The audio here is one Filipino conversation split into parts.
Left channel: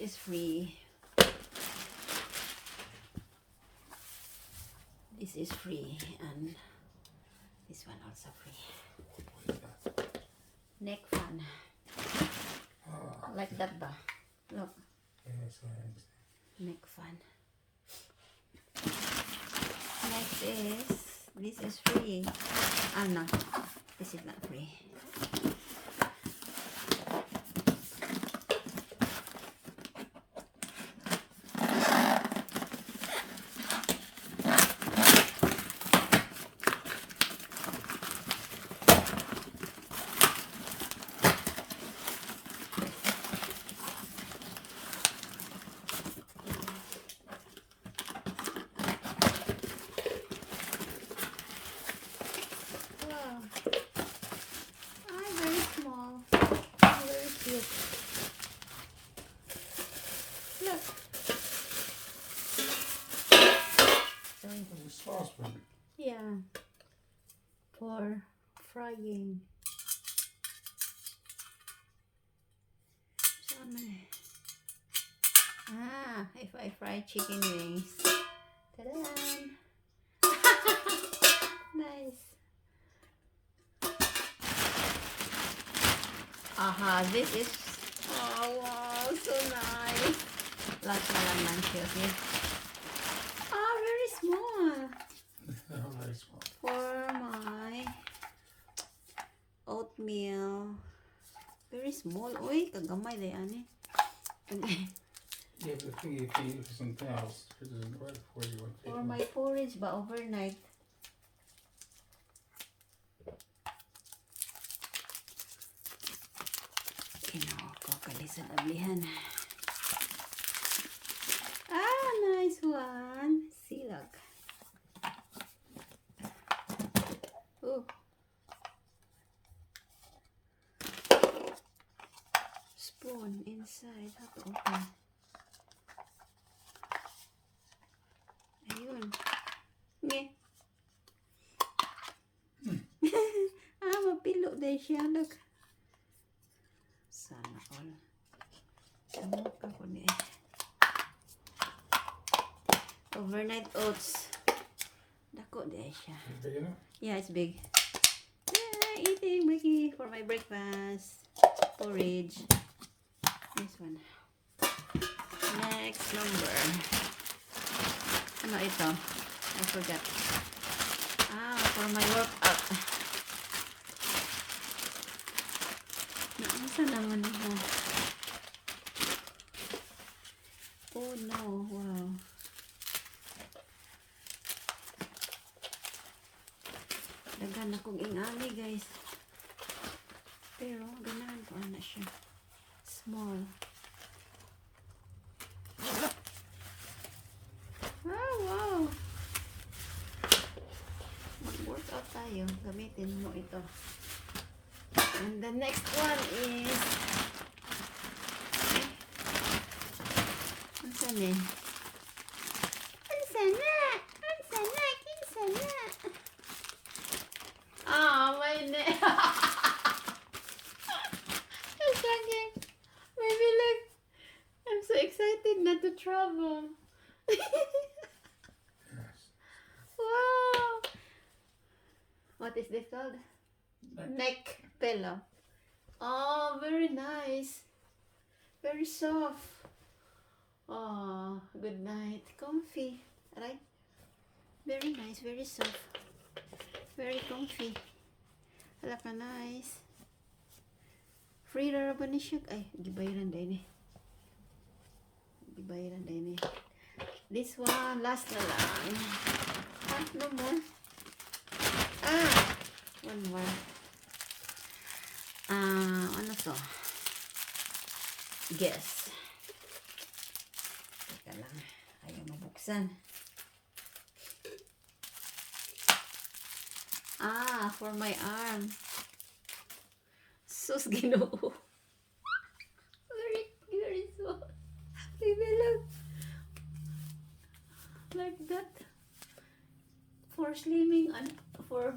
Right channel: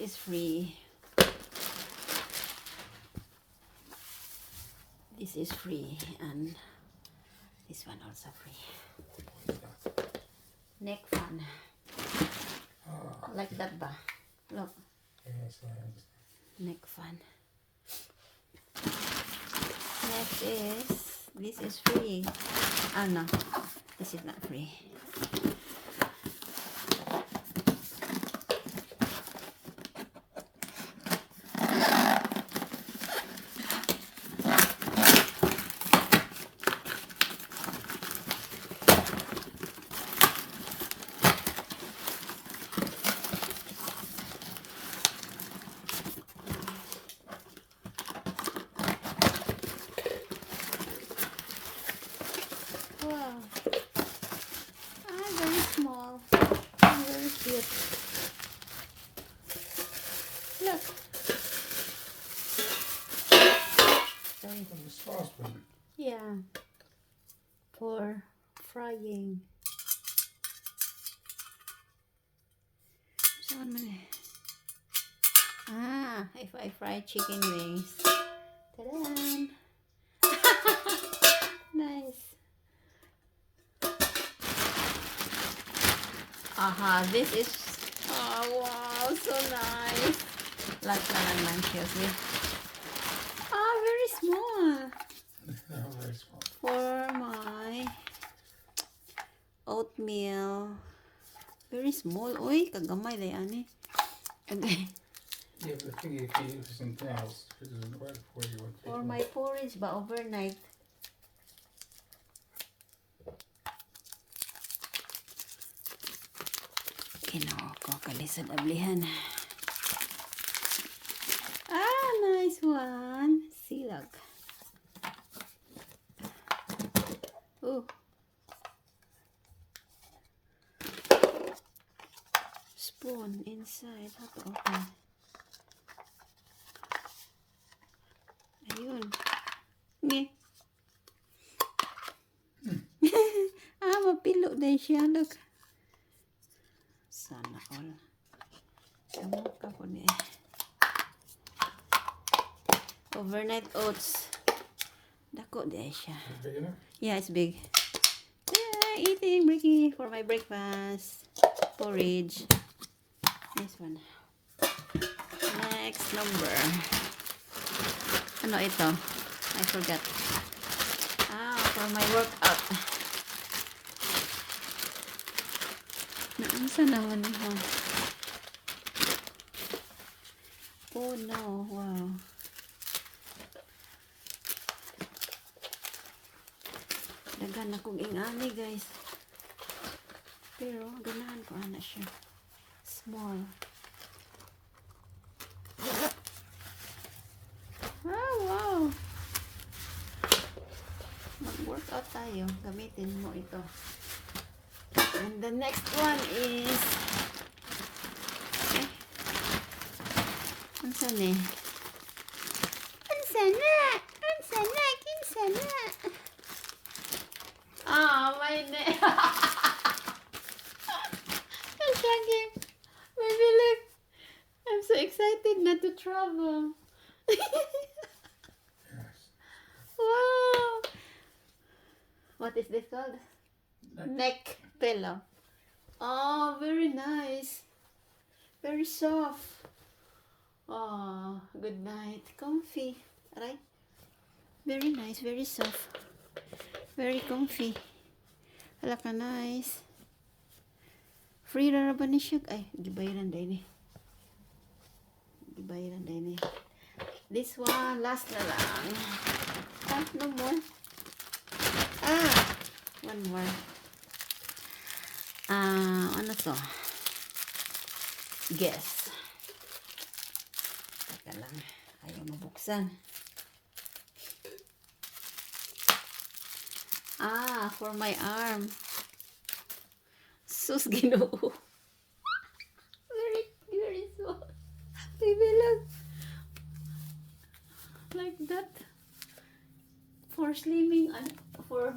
is free. This is free, and this one also free. Neck fan. Like that ba? Look. Yes, yes. Neck fan. Next is, this is free. Oh no, this is not free. Wow. Very small. Very cute. Look. Sorry. The saucepan. Yeah. For frying. If I fry chicken wings. Ta-da! Nice. This is, oh wow, so nice. Last one lang siya. Very small. Very small. For my oatmeal. Very small. Uy, kagamay na yan eh. Okay. Yeah, but the thing you can use for something else. It isn't right before you want to. For my porridge ba overnight. Kino ko kalisod ablihan. Nice one. Silag. Oh. Spoon inside. How to open? Ayun. Nge. Mapilo din siya. Look. Sana all. Ano ka ko ni overnight oats. Dako din siya. Is it big enough? Yeah, it's big. Yeah, eating Ricky for my breakfast. Porridge. This one. Next number. Ano ito? I forgot. For my workout. Naansa naman ito? Oh no, wow. Dagan akong ingani guys. Pero ganahan ko na siya. Small. Wow. Mag-workout tayo. Gamitin mo ito. And the next one is Ansan eh? Ansana! My name. Baby, look. I'm so excited not to travel. Yes. Wow. What is this called? Neck pillow. Oh, very nice. Very soft. Oh, good night. Comfy. Right? Very nice. Very soft. Very comfy. Hala ka nice. Free rara ba ni siya? Ay, gibayaran din eh. Gibayaran din eh. This one, last na lang. No more. One more. Ano to? Guess. Teka lang. Ayaw mabuksan. For my arm. Sus, Ginoo. Very small. Baby, look. Like that. For slimming. What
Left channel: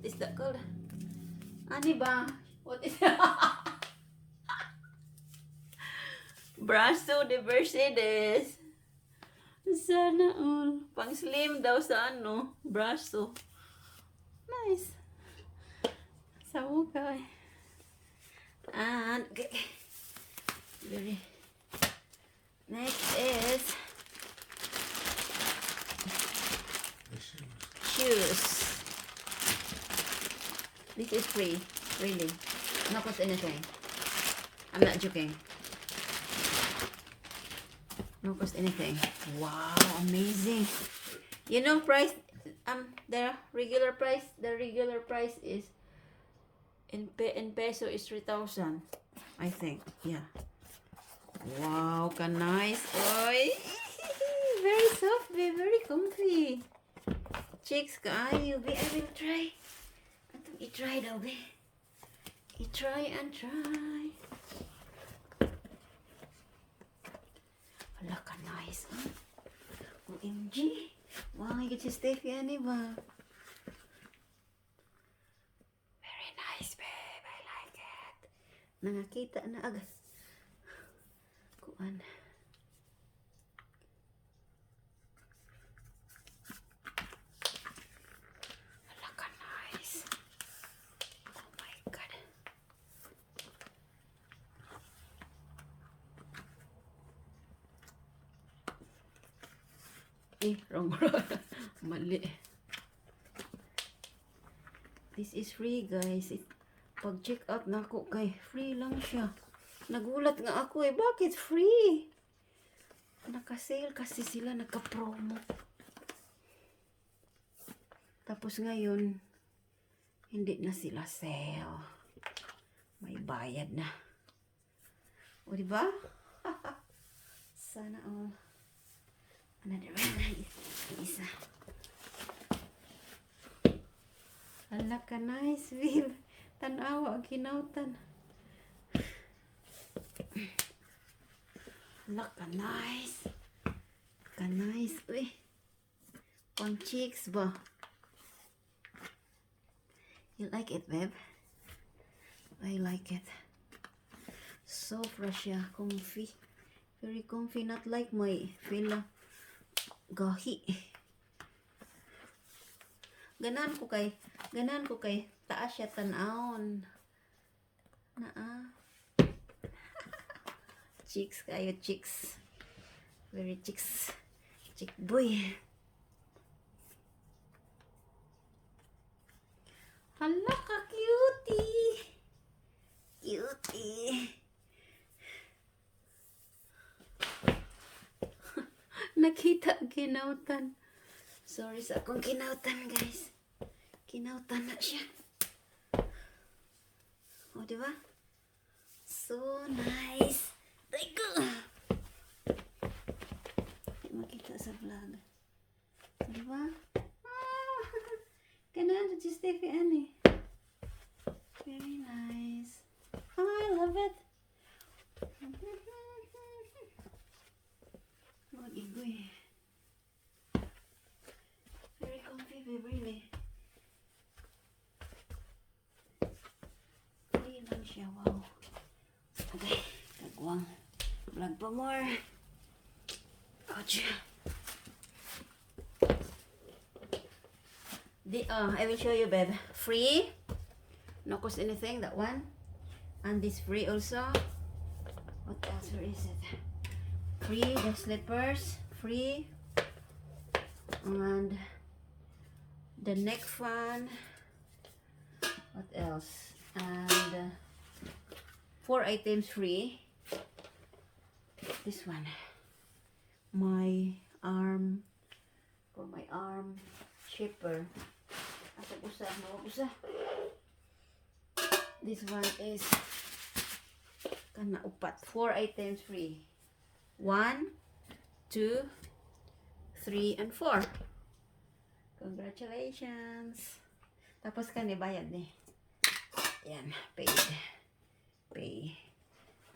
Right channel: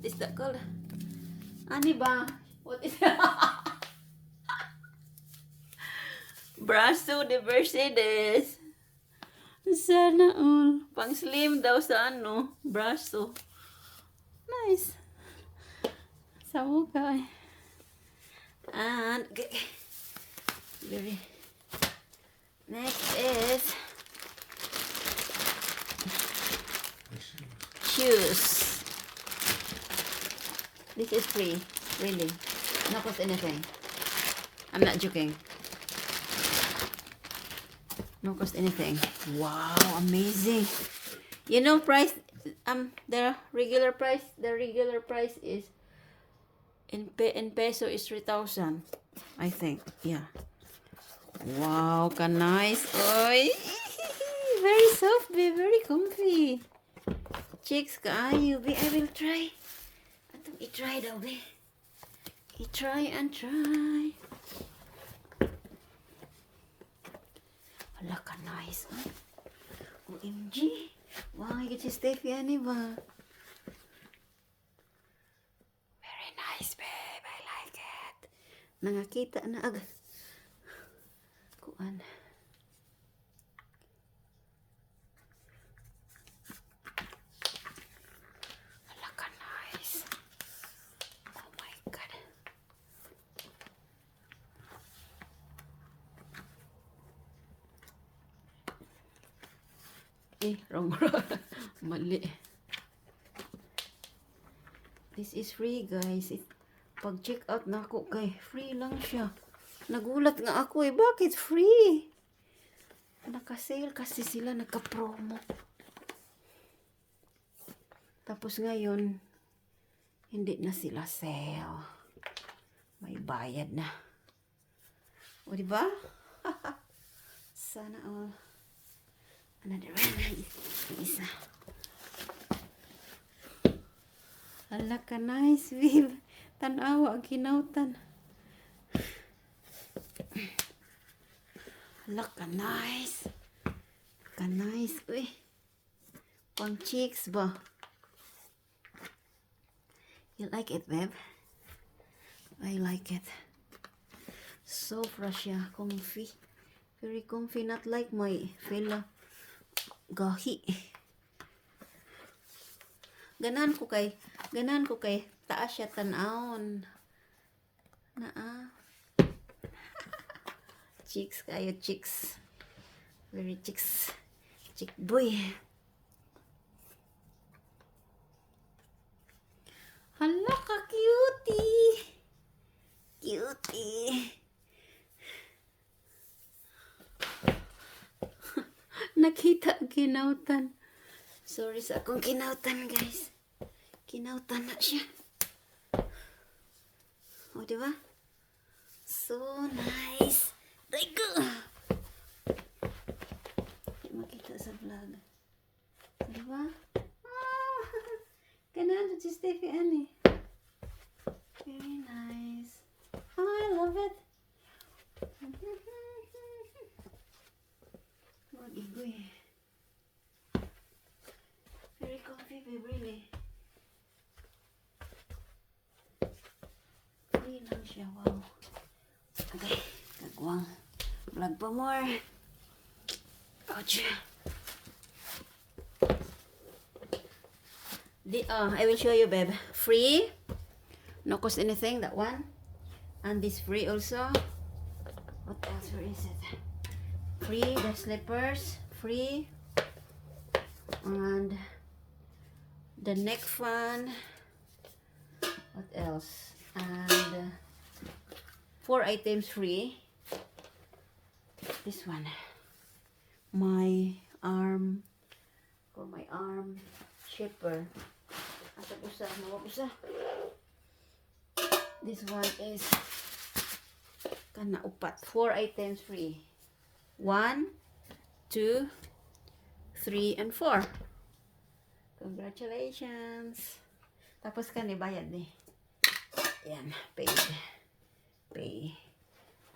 is that called? Ani ba? What is that? Braso de Mercedes. Sana all. Pang slim daw sa ano, braso. Nice. Sa mukha eh. And, okay. Very. Next is The shoes. shoes. This is free. Really. Not cost anything. I'm not joking. No cost anything. Wow, amazing. You know price the regular price is in peso is 3,000. I think. Yeah. Wow, ka nice. Oy. Very soft, be very comfy. Chicks kaayo, be. I will try. Atong i-try daw, be. I-try and try. Hala ka nice. OMG. Wow, I get si Steffi ani ba? Very nice, babe. I like it. Nangakita na agad. Kuan. Hala ka nice. Oh my God. Wrong. Mali. This is free, guys. Pag check out na ako, kay free lang siya. Nagulat nga ako eh. Bakit free? Naka-sale kasi sila, nagka-promo. Tapos ngayon, hindi na sila sale. May bayad na. O, diba? Sana all. Another one. Isa. Hala ka nice, babe. Tanawa ang kinautan. Hala ka nice. Ka nice. Uy. Pang cheeks ba? You like it, babe? I like it. So fresh siya. Comfy. Very comfy. Not like my fella. Gahi. Ganan ko kay taas siya tanawon. Naa. Chicks kayo, chicks. Very chicks. Chick boy. Hala ka cutie. Cutie. Nakita kinautan. Sorry sa akong kinautan, guys. Kinautan na siya. O, diba? So nice. Teko. Hindi makita sa vlog. Diba? Ah, ganun si Steffi Annie. Very nice. I love it. Mag-igoy. Very comfy, babe, really. Free lang siya, wow. Okay, kagwang. Vlog pa more. Ouch. I will show you, babe. Free. No cost anything, that one. And this free also. What else? Where is it? Free, the slippers. Free. And the neck fan. What else? And 4 items free. This one. My arm. For my arm shaper. Asa usa, mga usa. This one is kana upat. 4 items free. 1, 2, 3, and 4. Congratulations. Tapos ka ni bayad ni. Yan, paid. Pay.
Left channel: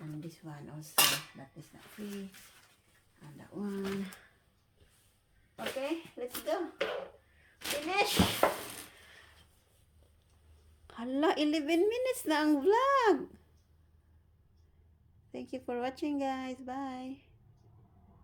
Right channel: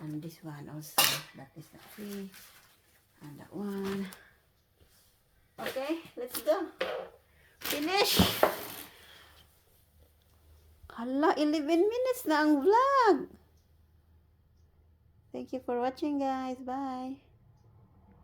And this one also. That is not free. And that one. Okay, let's go. Finish. Hala, 11 minutes na ang vlog. Thank you for watching, guys. Bye.